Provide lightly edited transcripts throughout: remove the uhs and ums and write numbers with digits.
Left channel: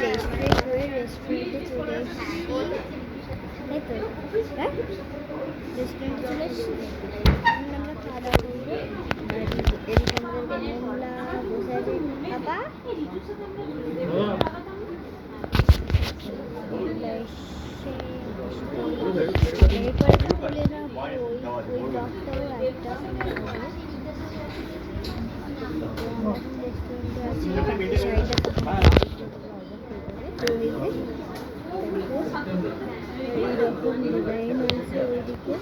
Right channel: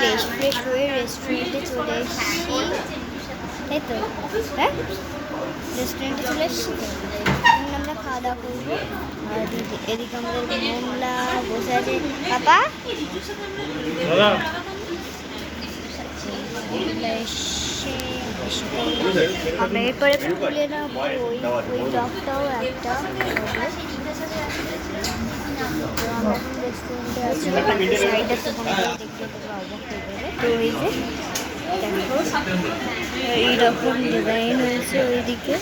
Fresh fresh হয়ে রেস্টুরেন্টে চলে এসেছি, তাই তো? হ্যাঁ, রেস্টুরেন্টে চলে এসেছি তো, এখন আমরা খাওয়া দাওয়া করবো। আর এদিকে আমাদের মোমলা বসে আছে। পাপা আমরা এরপরে খুলে নেবো ওই ডগটাও একটা রেস্টুরেন্টে আছে, সাইডে তো তোমাদের দেখতে তোমরা অবাক হয়ে যাবে। তো এই যে দেখো এইরকম ডিজাইন হয়েছে ওইদিকে,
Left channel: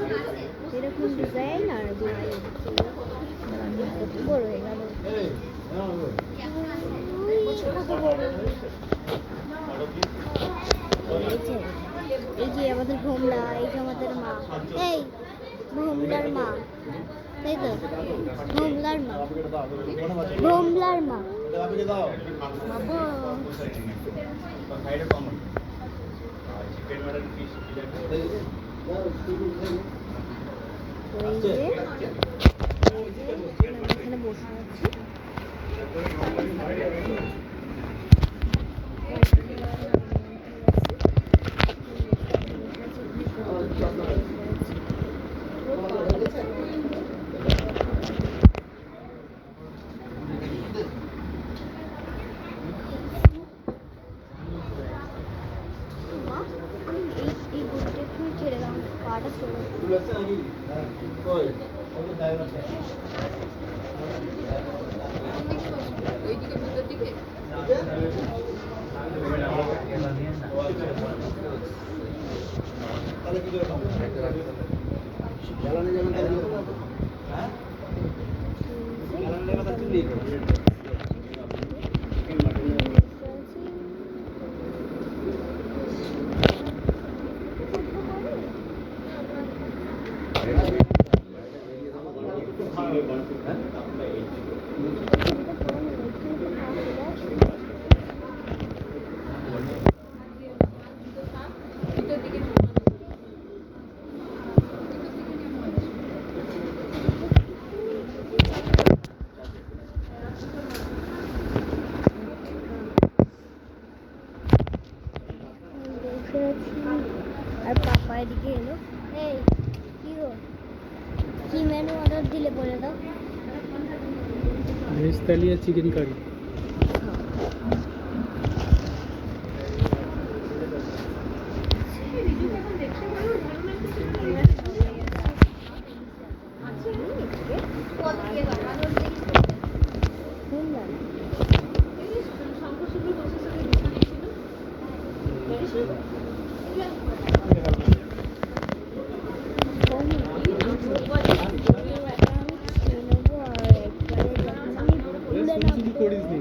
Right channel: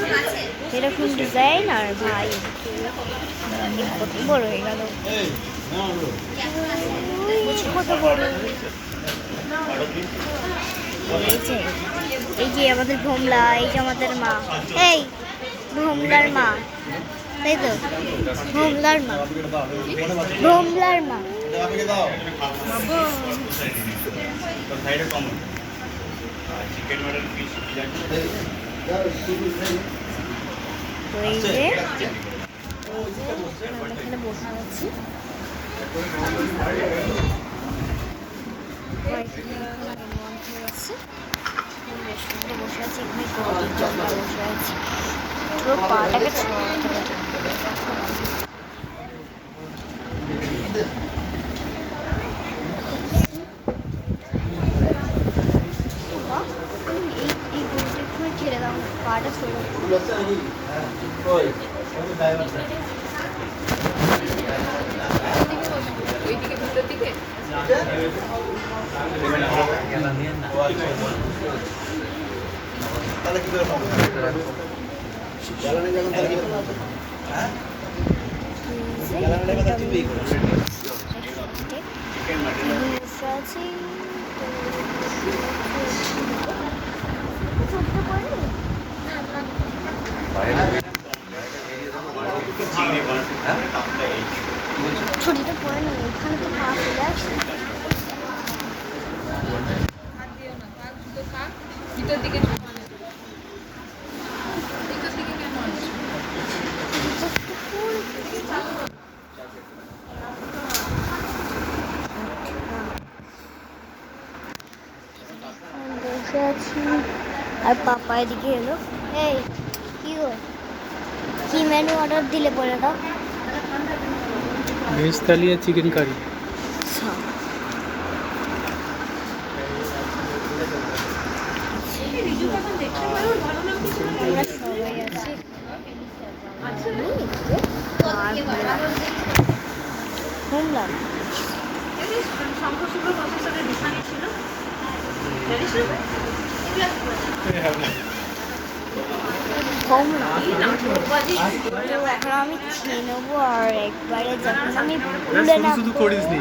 এরকম ডিজাইন। আর ভাই কত বড় হয়ে গেল, কত বড়। এই যে আমাদের ভোমলা, এই যে আমাদের মা, এই ভোমলার মা, তাই তো? ভোমলার মা, ভোমলার মা। তো এই যে এখানে বসে আছি, ছেড়ে দাও, পাটা ছেড়ে ওইদিকে ভিতর দিকে তাহলে কি করে জ্বালানি যখন তাহলে কি করে হ্যাঁ জ্বালানিটা কথা চিন্তাই করো আর পাপা এদিকে এলো। এই কি গো, কি মেনু অর্ডার দিলে বলে দাও? ভেজ থালি আর চিকেন কারি। আমরা সবাই আছি, আমি খেয়ে নেবো। আর একবারে যখন আমি শুধু করিস নি,